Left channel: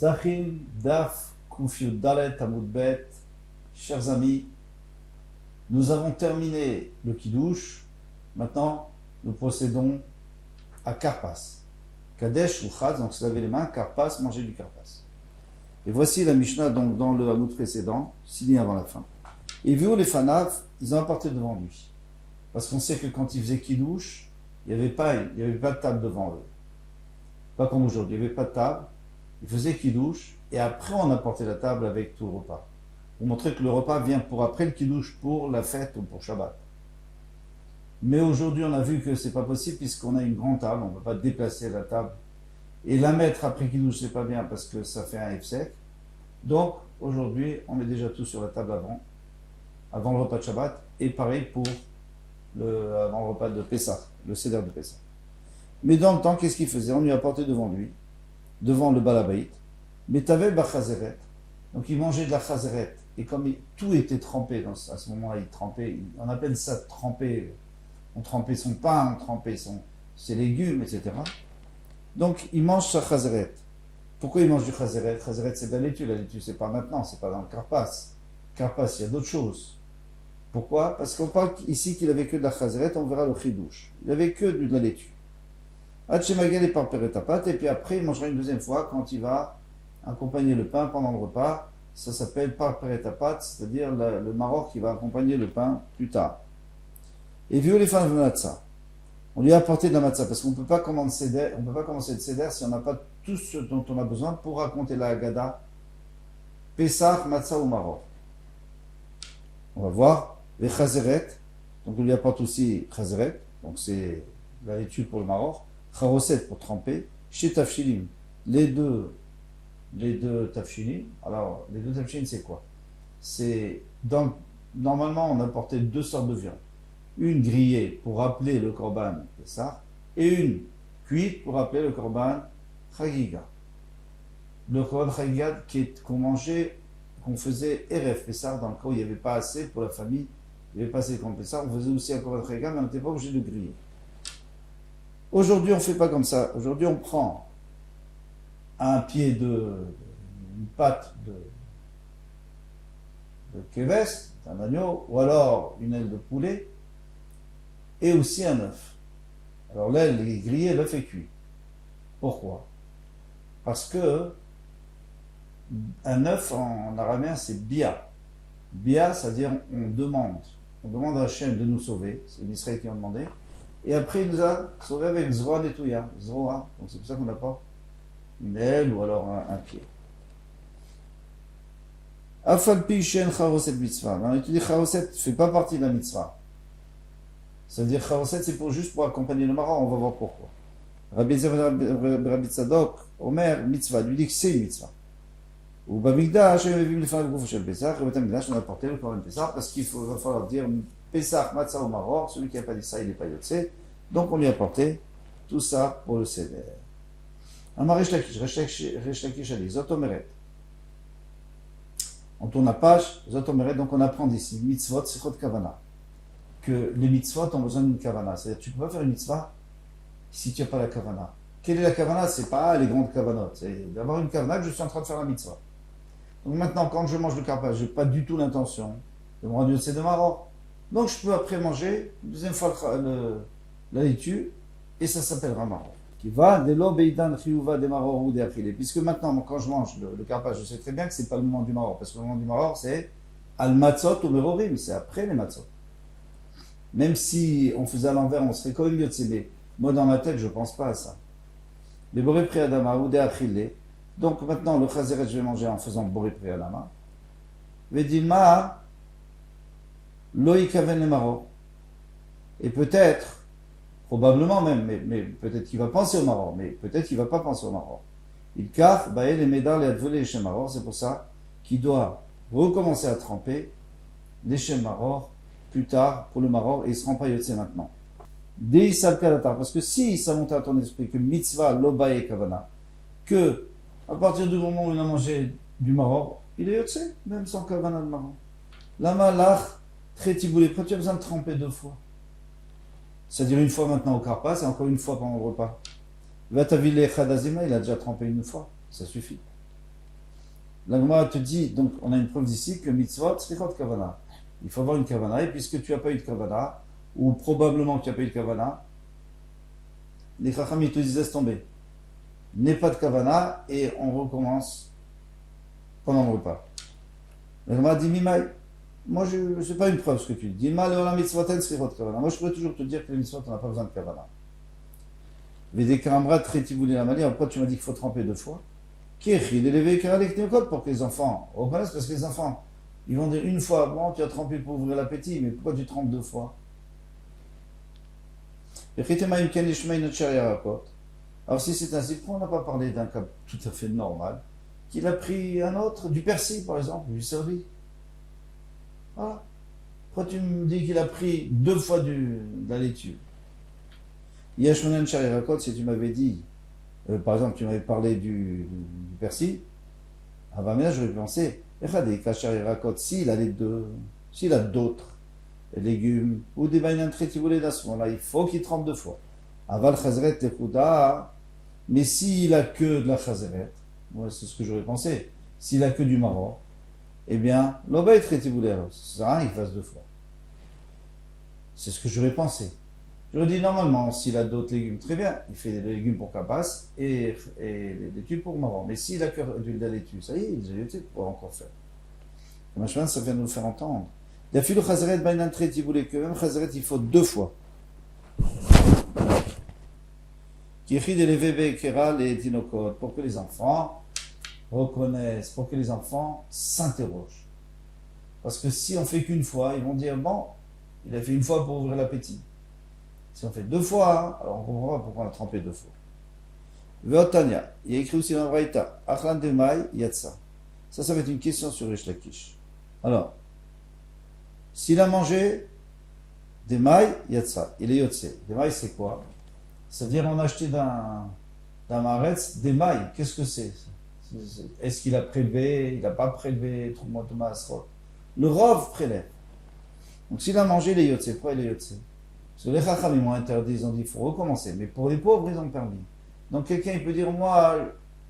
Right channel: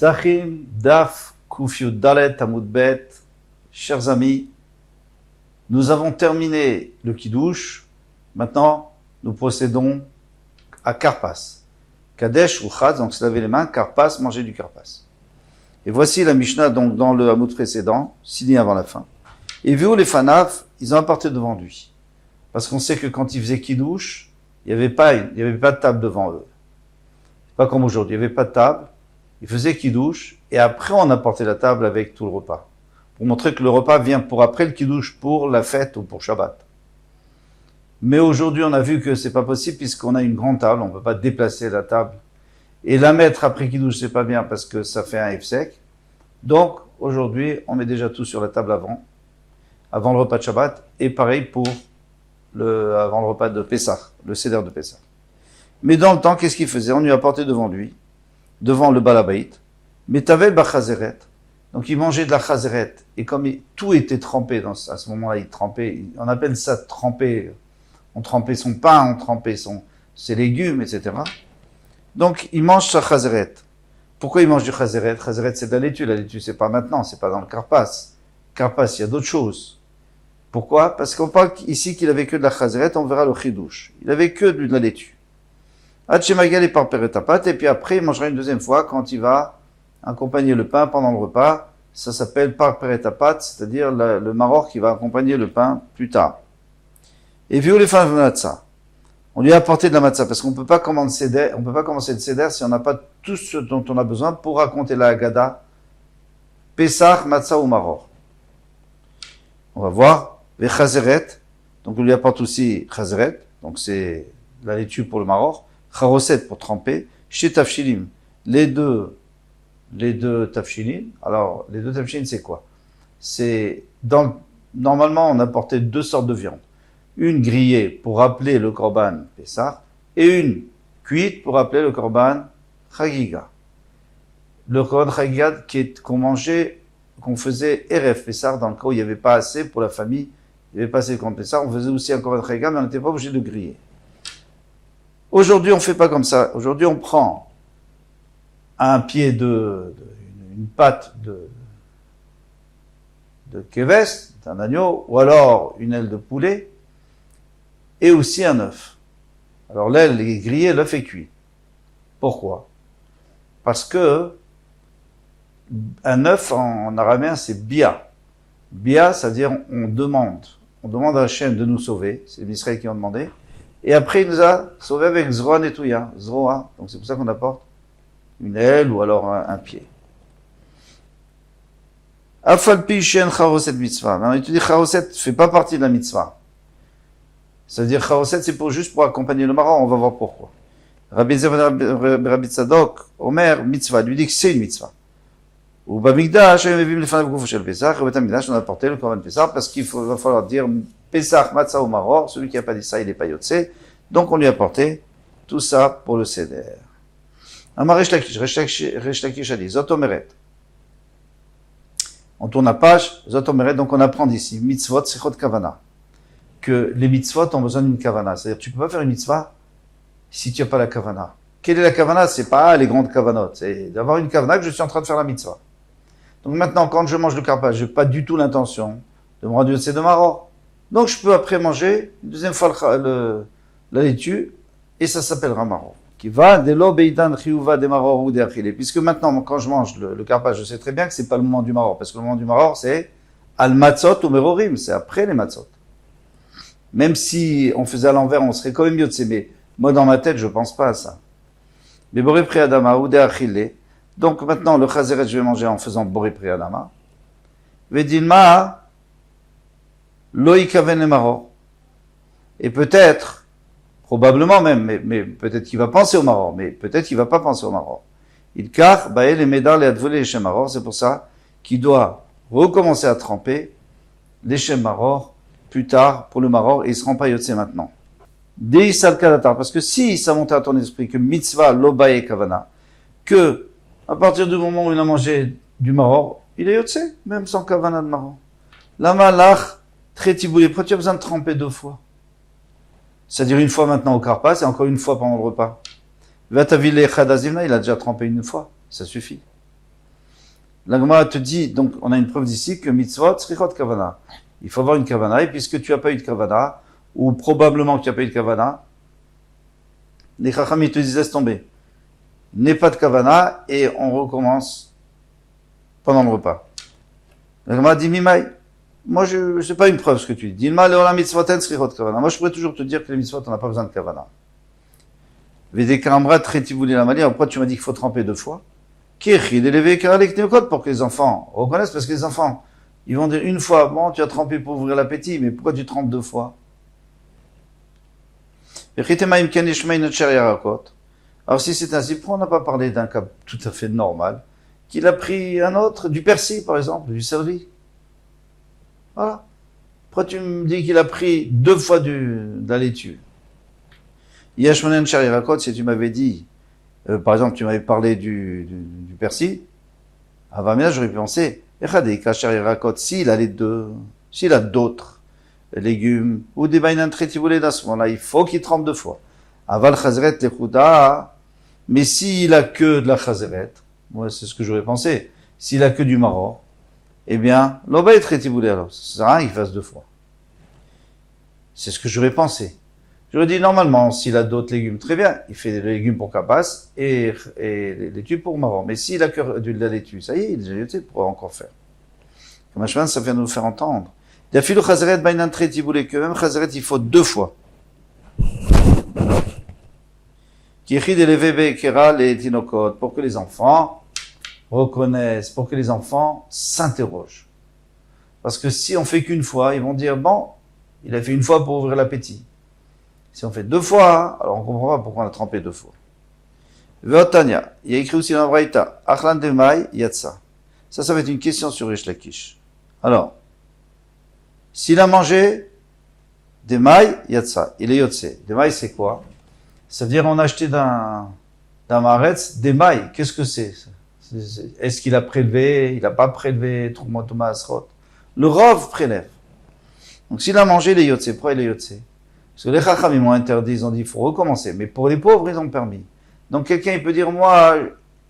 Zachim, Daf, Kufiud Dalet, Amud Bet. Chers amis, nous avons terminé le Kiddush. Maintenant, nous procédons à Karpas. Kadesh ou Chaz, donc se laver les mains, Karpas, manger du Karpas. Et voici la Mishnah donc, dans le Hamoud précédent, signé avant la fin. Et vu les Fanaf, ils ont apporté devant lui. Parce qu'on sait que quand ils faisaient Kiddush, il n'y avait pas de table devant eux. Pas comme aujourd'hui, il n'y avait pas de table. Ils faisaient Kiddush, et après on apportait la table avec tout le repas. Pour montrer que le repas vient pour après le Kiddush, pour la fête ou pour Shabbat. Mais aujourd'hui, on a vu que c'est pas possible puisqu'on a une grande table, on ne peut pas déplacer la table. Et la mettre après Kiddush, c'est pas bien parce que ça fait un hefsek. Donc, aujourd'hui, on met déjà tout sur la table avant le repas de Shabbat, et pareil pour avant le repas de Pessah, le Seder de Pessah. Mais dans le temps, qu'est-ce qu'il faisait? On lui apportait devant lui, devant le balabait, mais tavel bachazeret. Donc il mangeait de la chazeret, et comme tout était trempé, à ce moment-là, il trempait, on appelle ça tremper, on trempait son pain, on trempait ses légumes, etc. Donc il mange sa chazeret. Pourquoi il mange du chazeret? Chazeret, c'est de la laitue c'est pas maintenant, c'est pas dans le karpas. Karpas, il y a d'autres choses. Pourquoi? Parce qu'on parle ici qu'il avait que de la chazeret, on verra le chidouche. Il avait que de la laitue. Hachemagal et par peretapat, et puis après il mangera une deuxième fois quand il va accompagner le pain pendant le repas. Ça s'appelle par peretapat, c'est-à-dire le maror qui va accompagner le pain plus tard. Et vu les fins de matzah, on lui a apporté de la matzah parce qu'on ne peut pas commencer le seder si on n'a pas tout ce dont on a besoin pour raconter la Haggadah, Pesach, matzah ou maror. On va voir les chazeret, donc on lui apporte aussi chazeret, donc c'est la laitue pour le maror. Charoset pour tremper, chez Tafshilim, les deux Tafshilim. Alors, les deux Tafshilim, c'est quoi? Normalement, on apportait deux sortes de viande. Une grillée pour rappeler le Korban Pessah, et une cuite pour rappeler le Korban Chagiga. Le Korban Chagiga qu'on mangeait, qu'on faisait Erev Pessah, dans le cas où il n'y avait pas assez pour la famille, il n'y avait pas assez de Korban Pessah, on faisait aussi un Korban Chagiga, mais on n'était pas obligé de griller. Aujourd'hui, on ne fait pas comme ça. Aujourd'hui, on prend une patte de keves, d'un agneau, ou alors une aile de poulet, et aussi un œuf. Alors l'aile est grillée, l'œuf est cuit. Pourquoi? Parce que un œuf en araméen, c'est bia. Bia, c'est-à-dire on demande à Hachem de nous sauver, c'est les Israéliens qui ont demandé, et après il nous a sauvés avec Zroa Netouya, Zroa, donc c'est pour ça qu'on apporte une aile ou alors un pied. Afalpi shen charoset mitzvah. Maintenant, il te dit charoset ne fait pas partie de la mitzvah. C'est-à-dire charoset, c'est juste pour accompagner le maror, on va voir pourquoi. Rabbi Tzadok, Omer, mitzvah, lui dit que c'est une mitzvah. Ou Bamikdash, on a apporté le Korban Pessah parce qu'il va falloir dire Pessah, Matzah ou Maror. Celui qui n'a pas dit ça, il n'est pas Yotse. Donc on lui a apporté tout ça pour le Seder. Amar Resh Lakish a dit Zotomeret. On tourne la page, Zotomeret, donc on apprend d'ici Mitzvot, Sechot Kavana. Que les mitzvot ont besoin d'une kavana. C'est-à-dire tu ne peux pas faire une mitzvah si tu n'as pas la kavana. Quelle est la kavana? C'est pas les grandes kavanotes. C'est d'avoir une kavana que je suis en train de faire la mitzvah. Donc maintenant, quand je mange le karpas, je n'ai pas du tout l'intention de me rendre de maror. Donc je peux après manger une deuxième fois la laitue, et ça s'appellera maror. Qui va de lo beidan chiyuva de maror ou de achile. Puisque maintenant, quand je mange le karpas, je sais très bien que ce n'est pas le moment du maror. Parce que le moment du maror, c'est al matzot ou merorim. C'est après les matzot. Même si on faisait à l'envers, on serait quand même mieux de s'aimer. Moi, dans ma tête, je ne pense pas à ça. Mais boré priadama ou de achile. Donc maintenant, le chazeret, je vais manger en faisant boré priadama. Vedilma loïkaven maror. Et peut-être, probablement même, mais peut-être qu'il va penser au maror, mais peut-être qu'il ne va pas penser au maror. Il car, bael et médar les advolé les shem maror. C'est pour ça qu'il doit recommencer à tremper les shem maror plus tard pour le maror, et il ne se rend pas yotse maintenant. Dei salkadatar, parce que si ça montait à ton esprit que mitzvah lobaye kavana, que à partir du moment où il a mangé du maror, il est yotse, même sans kavana de maror. Lama lach tretiboulé, pourquoi tu as besoin de tremper deux fois? C'est-à-dire une fois maintenant au karpas et encore une fois pendant le repas. Vatavile chadazimna, il a déjà trempé une fois, ça suffit. La Gemara te dit, donc on a une preuve d'ici que mitzvot srichot kavana. Il faut avoir une kavana, et puisque tu n'as pas eu de kavana, ou probablement que tu n'as pas eu de kavana, les chacham te disent laisse tomber. N'aie pas de kavana, et on recommence pendant le repas. La Gemara dit mimai. Moi, je sais pas une preuve ce que tu dis. Dilma leolam mitzvoten srichot kavana. Moi, je pourrais toujours te dire que les mitzvot, on n'a pas besoin de kavana. Vedekaramra tretivouli la mali. Pourquoi tu m'as dit qu'il faut tremper 2 fois? Pour que les enfants reconnaissent, parce que les enfants, ils vont dire une fois, bon, tu as trempé pour ouvrir l'appétit, mais pourquoi tu trempes 2 fois? Alors si c'est ainsi, pourquoi on n'a pas parlé d'un cas tout à fait normal, qu'il a pris un autre, du persil par exemple, du céleri? Voilà. Pourquoi tu me dis qu'il a pris 2 fois de la laitue? Si tu m'avais dit, par exemple, tu m'avais parlé du persil, avant là, j'aurais pu penser, s'il a les deux, s'il a d'autres légumes, ou des baïnan tretivoulés dans ce moment-là, il faut qu'il trempe 2 fois. Aval chazeret lechouda, mais s'il a que de la chazeret, moi c'est ce que j'aurais pensé, s'il a que du maror, eh bien, l'oba est tretivoulé alors, ça sert à rien qu'il fasse 2 fois. C'est ce que j'aurais pensé. J'aurais dit, normalement, s'il a d'autres légumes, très bien, il fait des légumes pour capas et les laitues pour marron. Mais s'il a que de la laitue, ça y est, il est déjà laitue, il pourra encore faire. Comme un ça vient de nous faire entendre. D'afilu chazeret bainan tretivoulé, que même chazeret, il faut 2 fois. Kichid eleve kera les tinokot, pour que les enfants reconnaissent, pour que les enfants s'interrogent. Parce que si on fait qu'une fois, ils vont dire, bon, il a fait 1 fois pour ouvrir l'appétit. Si on fait 2 fois, alors on ne comprend pas pourquoi on a trempé 2 fois. Veotania, il y a écrit aussi dans la Braïta, Achlan Demai Yatsa. Ça va être une question sur Rish Lakish. Alors, s'il a mangé Demai Yatsa, il est Yotse. Demai, c'est quoi? Ça veut dire on a acheté d'un Maretz Demai. Qu'est-ce que c'est? Est-ce qu'il a prélevé? Il n'a pas prélevé Troumot Thomas Asrot. Le Rov prélève. Donc s'il a mangé, il est Yotse. Pourquoi il est Yotse? Parce que les Chacham, ils m'ont interdit, ils ont dit, il faut recommencer. Mais pour les pauvres, ils ont permis. Donc quelqu'un, il peut dire, moi,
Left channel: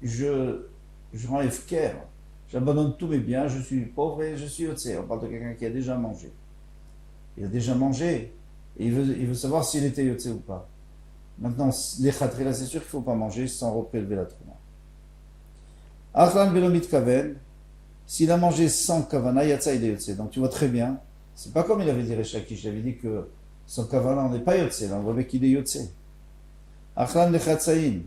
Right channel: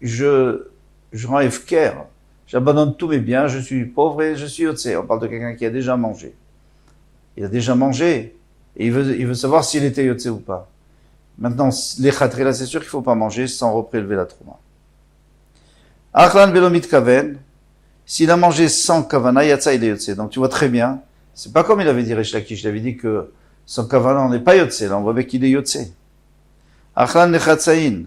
je rends efker, j'abandonne tous mes biens, je suis pauvre et je suis yotse. On parle de quelqu'un qui a déjà mangé. Il a déjà mangé, et il veut savoir s'il était yotse ou pas. Maintenant, les khatrila, c'est sûr qu'il ne faut pas manger sans reprélever la trouma. Achlan belomit kaven, s'il a mangé sans kavana, yatsa, il est yotse. Donc tu vois très bien, c'est pas comme il avait dit Rish Lakish, il avait dit que sans kavana, on n'est pas yotse, là on voit qu'il est yotse. Achlan lechatsaïn,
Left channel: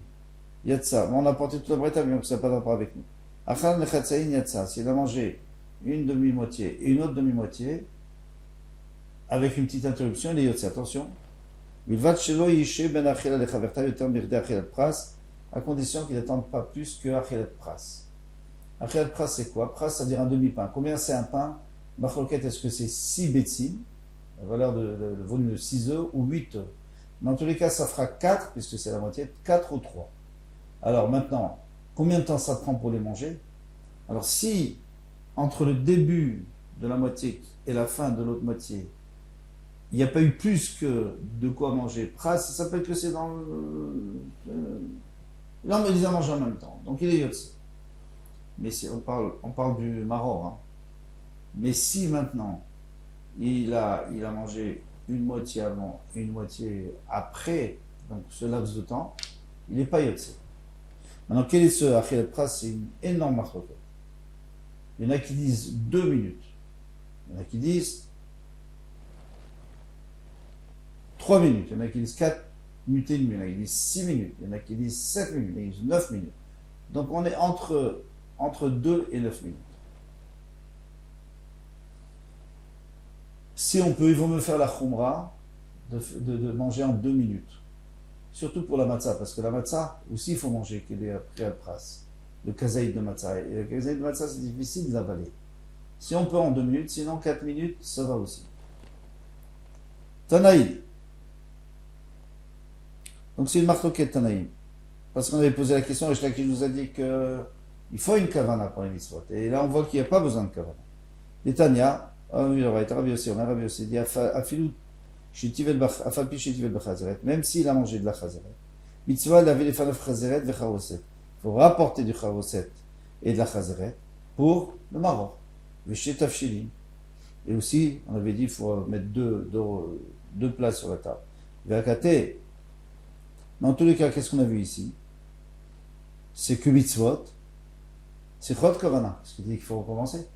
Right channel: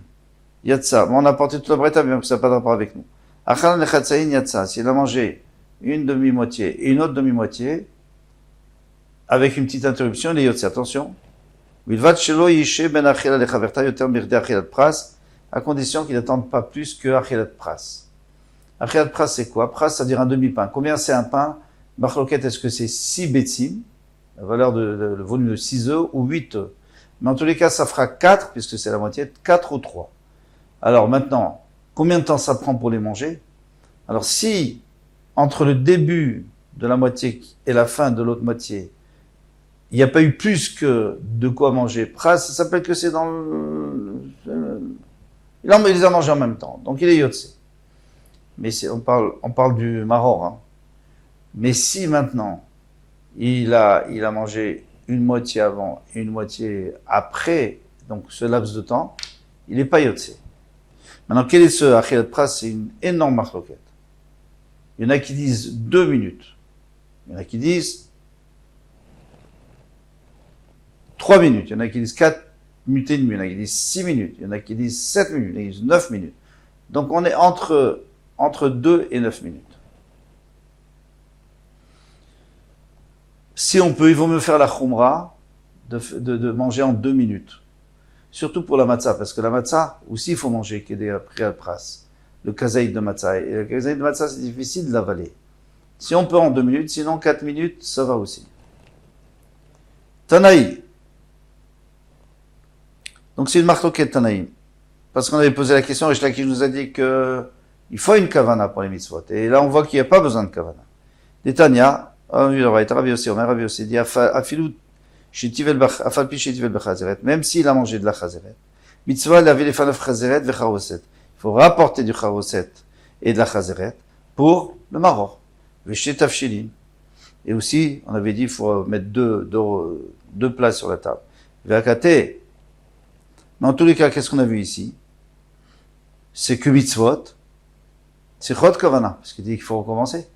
yatsa. Bon, on a porté toute la breta, mais ça n'a pas de rapport avec nous. Achlan lechatsaïn, yatsa. S'il a mangé une demi-moitié et une autre demi-moitié, avec une petite interruption, il est yotse. Attention. Vilvat shelo yishe ben achila lechaverta yoter mirde achilat pras, à condition qu'il n'attende pas plus que achilat pras. Achilat pras, c'est quoi? Pras, c'est-à-dire un demi-pain. Combien c'est un pain? Machloket, est-ce que c'est 6 betsim, la valeur le volume de 6 œufs, ou 8 œufs? Mais en tous les cas, ça fera 4, puisque c'est la moitié, 4 ou 3. Alors maintenant, combien de temps ça prend pour les manger? Alors si, entre le début de la moitié et la fin de l'autre moitié, il n'y a pas eu plus que de quoi manger, pras, ça s'appelle que c'est dans le... Il les a mangés en même temps, donc il est yotse. Mais on parle du maror. Hein. Mais si maintenant, il a mangé une moitié avant et une moitié après, donc ce laps de temps, il n'est pas yotse. Maintenant, quel est ce achilat pras? C'est une énorme marloquette. Il y en a qui disent 2 minutes. Il y en a qui disent 3 minutes. Il y en a qui disent 4 minutes et demie. Il y en a qui disent 6 minutes. Il y en a qui disent 7 minutes. Il y en a qui disent 9 minutes. Donc on est entre 2 et 9 minutes. Si on peut, il vaut mieux faire la khumra de manger en 2 minutes. Surtout pour la matzah, parce que la matzah, aussi il faut manger, qui est des pras, le kazaïd de matzah. Et le kazaïd de matzah, c'est difficile de l'avaler. Si on peut en 2 minutes, sinon 4 minutes, ça va aussi. Tanaï. Donc c'est une marloquette Tanaï. Parce qu'on avait posé la question, Rish Lakish nous a dit qu'il faut une kavana pour les mitzvot. Et là on voit qu'il n'y a pas besoin de kavana. Des Tanya, Ravi aussi dit, même s'il a mangé de la chazeret. Mitzvah, il avait les fanaf chazeret vecharoset. Il faut rapporter du charoset et de la chazeret. pour le maror. Véché tafshilin. Et aussi, on avait dit, il faut mettre deux plats sur la table. Véakate. Dans tous les cas, qu'est-ce qu'on a vu ici? C'est que mitzvot, c'est chod kavana, parce qu'il dit qu'il faut recommencer.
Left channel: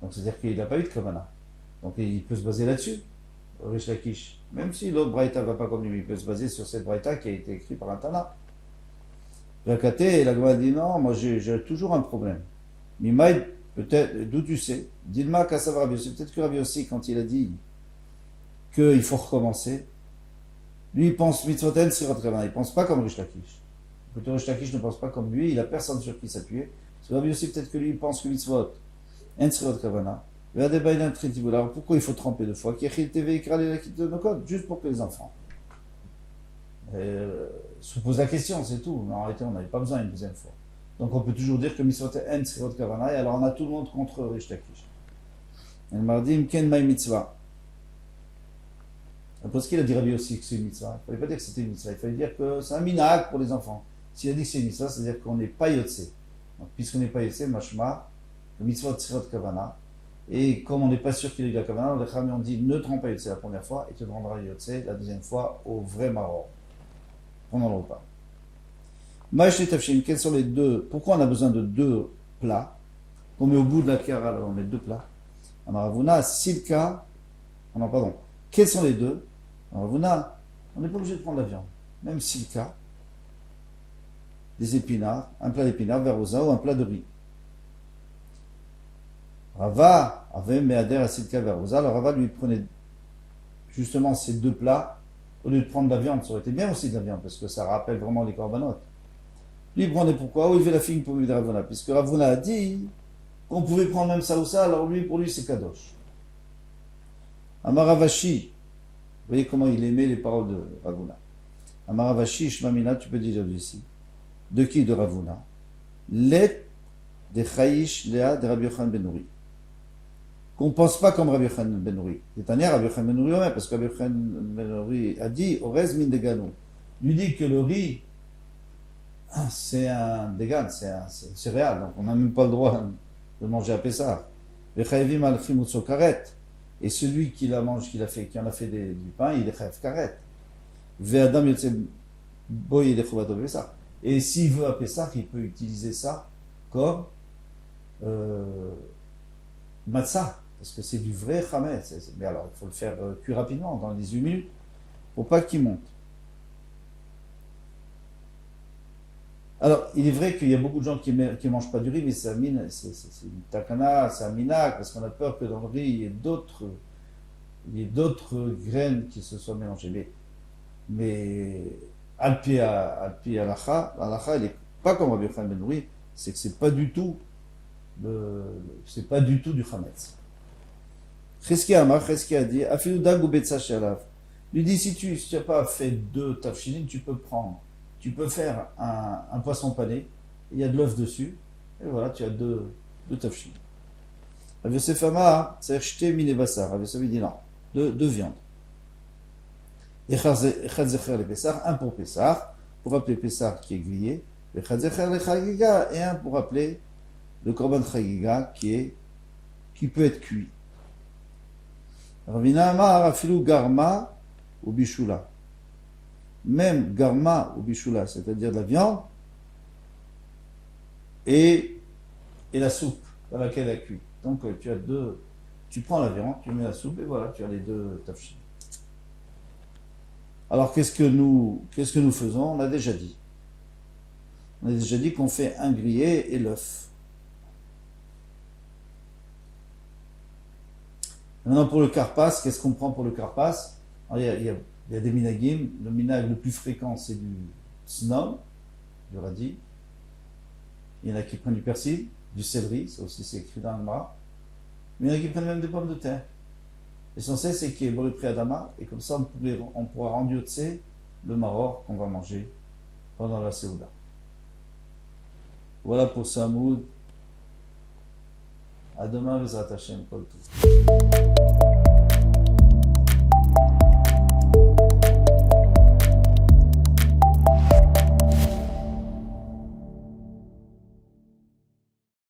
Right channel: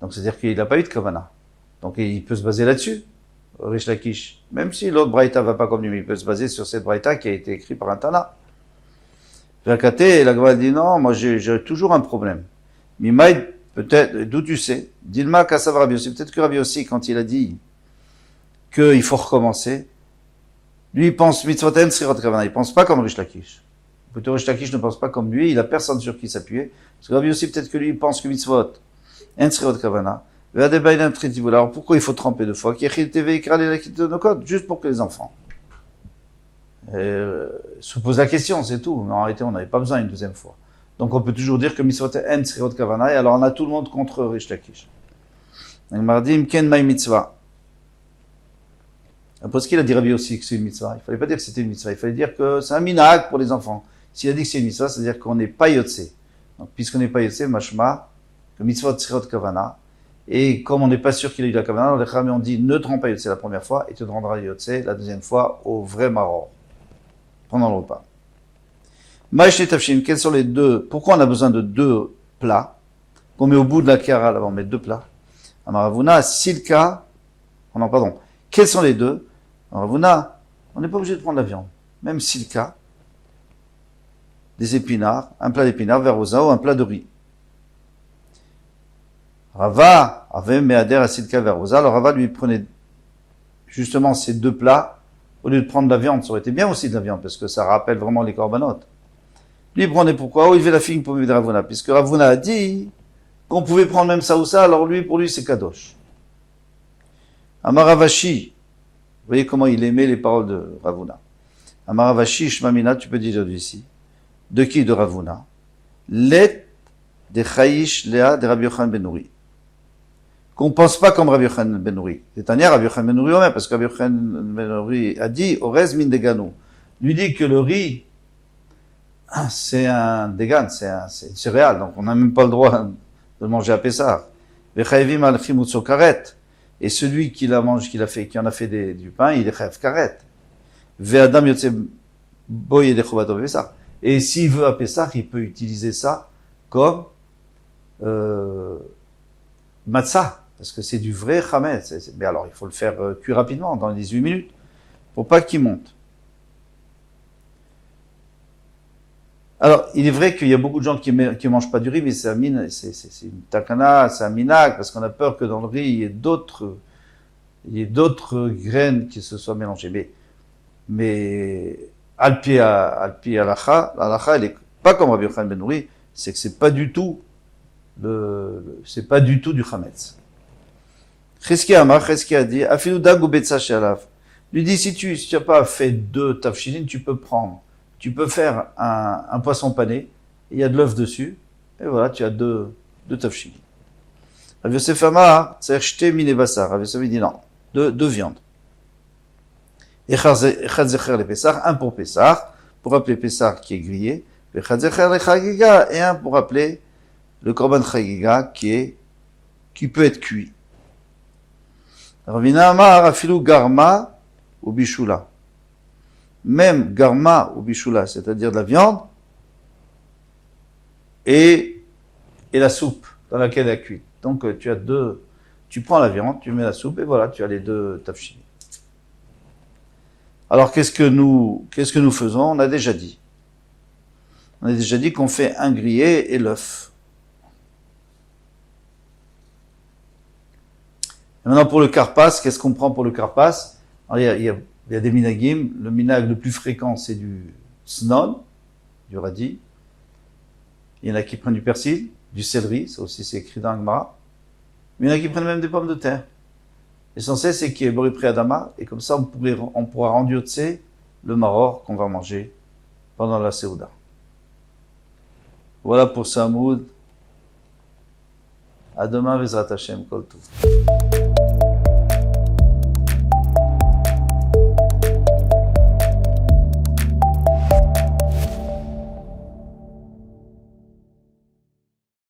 Donc c'est-à-dire qu'il n'a pas eu de kavana. Donc il peut se baser là-dessus, Rish Lakish. Même si l'autre braïta va pas comme lui, il peut se baser sur cette braïta qui a été écrite par un Tana. Véakate, et la Gemara dit non, moi j'ai toujours un problème. Mimaï, peut-être, d'où tu sais? Dilma Kassav Rabbi Yossi, peut-être que Rabbi Yossi, quand il a dit qu'il faut recommencer, lui il pense mitzvoten sirot kavana, il pense pas comme Rish Lakish. Plutôt Rish Lakish ne pense pas comme lui, il a personne sur qui s'appuyer. Parce que Rabbi Yossi, peut-être que lui il pense que mitzvot, en sirot kavana. Alors pourquoi il faut tremper deux fois? Juste pour que les enfants se posent la question, c'est tout. Mais en réalité, on n'avait pas besoin une deuxième fois. Donc on peut toujours dire que mitzvot en sirot kavana, et alors on a tout le monde contre Rish Lakish. Mardim ken may mitzvah. Parce qu'il a dit Rabbi aussi que c'est une mitzvah. Il ne fallait pas dire que c'était une mitzvah, il fallait dire que c'est un minag pour les enfants. S'il a dit que c'est une mitzvah, c'est-à-dire qu'on n'est pas yotse. Donc puisqu'on n'est pas yotse, mashma, que mitzvot sirot kavana. Et comme on n'est pas sûr qu'il a eu la kavana, les Chachamim ont dit ne te rends pas yotse la première fois et tu te rendras yotse la deuxième fois au vrai maror, pendant le repas. Maïshé tafshim, quels sont les deux? Pourquoi on a besoin de deux plats qu'on met au bout de la kara, là on met deux plats. Amaravuna, silka, non pardon, quels sont les deux? Amaravuna, on n'est pas obligé de prendre la viande, même silka, des épinards, un plat d'épinards, verosa ou un plat de riz. Rava avait meader à silka verosa, alors Rava lui prenait justement ces deux plats au lieu de prendre de la viande. Ça aurait été bien aussi de la viande parce que ça rappelle vraiment les corbanotes. Lui il prenait pourquoi? Oh, il fait la figue pour vivre de Ravuna, puisque Ravuna a dit qu'on pouvait prendre même ça ou ça, alors lui, pour lui, c'est kadosh. Amaravashi, vous voyez comment il aimait les paroles de Ravuna. Amaravashi, Shmamina, tu peux dire ici. De qui? De Ravuna. Let de Chayish Lea de Rabbi Yochanan ben Nouri. Qu'on ne pense pas comme Rabbi Yochanan ben Nouri. C'est-à-dire Rabbi Yochanan ben Nouri, parce que Rabbi Yochanan ben Nouri a dit Orez min deganu. Lui dit que le riz, c'est un dégan, c'est une céréale, donc on n'a même pas le droit de le manger à Pessah. Vechayevim al chimutzo karet. Et celui qui la mange, qui en a fait du pain, il est chayav karet. Ve'adam yotze boye de chobato Pessah. Et s'il veut à Pessah, il peut utiliser ça comme matzah, parce que c'est du vrai chametz. Mais alors, il faut le faire cuire rapidement, dans les 18 minutes, pour pas qu'il monte. Alors, il est vrai qu'il y a beaucoup de gens qui ne mangent pas du riz, mais c'est une takana, c'est un minag, parce qu'on a peur que dans le riz, il y ait d'autres graines qui se soient mélangées. Mais Alpi Alacha, elle n'est pas comme Rabbi Yochanan ben Nouri, c'est que c'est pas du tout du chametz. Cheskia a dit, Afilu dagu betza she'alav. Lui dit, si tu n'as pas fait deux tafshilin, tu peux faire un poisson pané, il y a de l'œuf dessus, et voilà, tu as deux tafshilin. Rav Yosef Amar, c'est shte mine basar. Rav Yosef dit non, deux viandes. Echad zecher le Pessah, un pour Pessah, pour rappeler Pessah qui est grillé, echad zecher le chagiga, et un pour rappeler le korban chagiga qui peut être cuit. Ravina Amar, afilu garma ou bishula. Même garma ou bishula, c'est-à-dire de la viande, et la soupe dans laquelle elle est cuite. Donc tu prends la viande, tu mets la soupe, et voilà, tu as les deux tafshilin. Alors qu'est-ce que nous faisons? On a déjà dit qu'on fait un grillé et l'œuf. Maintenant pour le karpas, qu'est-ce qu'on prend pour le karpas? Il y a des minagim. Le minag le plus fréquent c'est du snon, du radis. Il y en a qui prennent du persil, du céleri, ça aussi c'est écrit dans le Gemara. Mais il y en a qui prennent même des pommes de terre. L'essentiel, c'est qu'il y ait Boripri Adama, et comme ça, on pourra rendre yotse le maror qu'on va manger pendant la Séouda. Voilà pour Samoud. À demain, Vezrat Hashem, Kol Tov.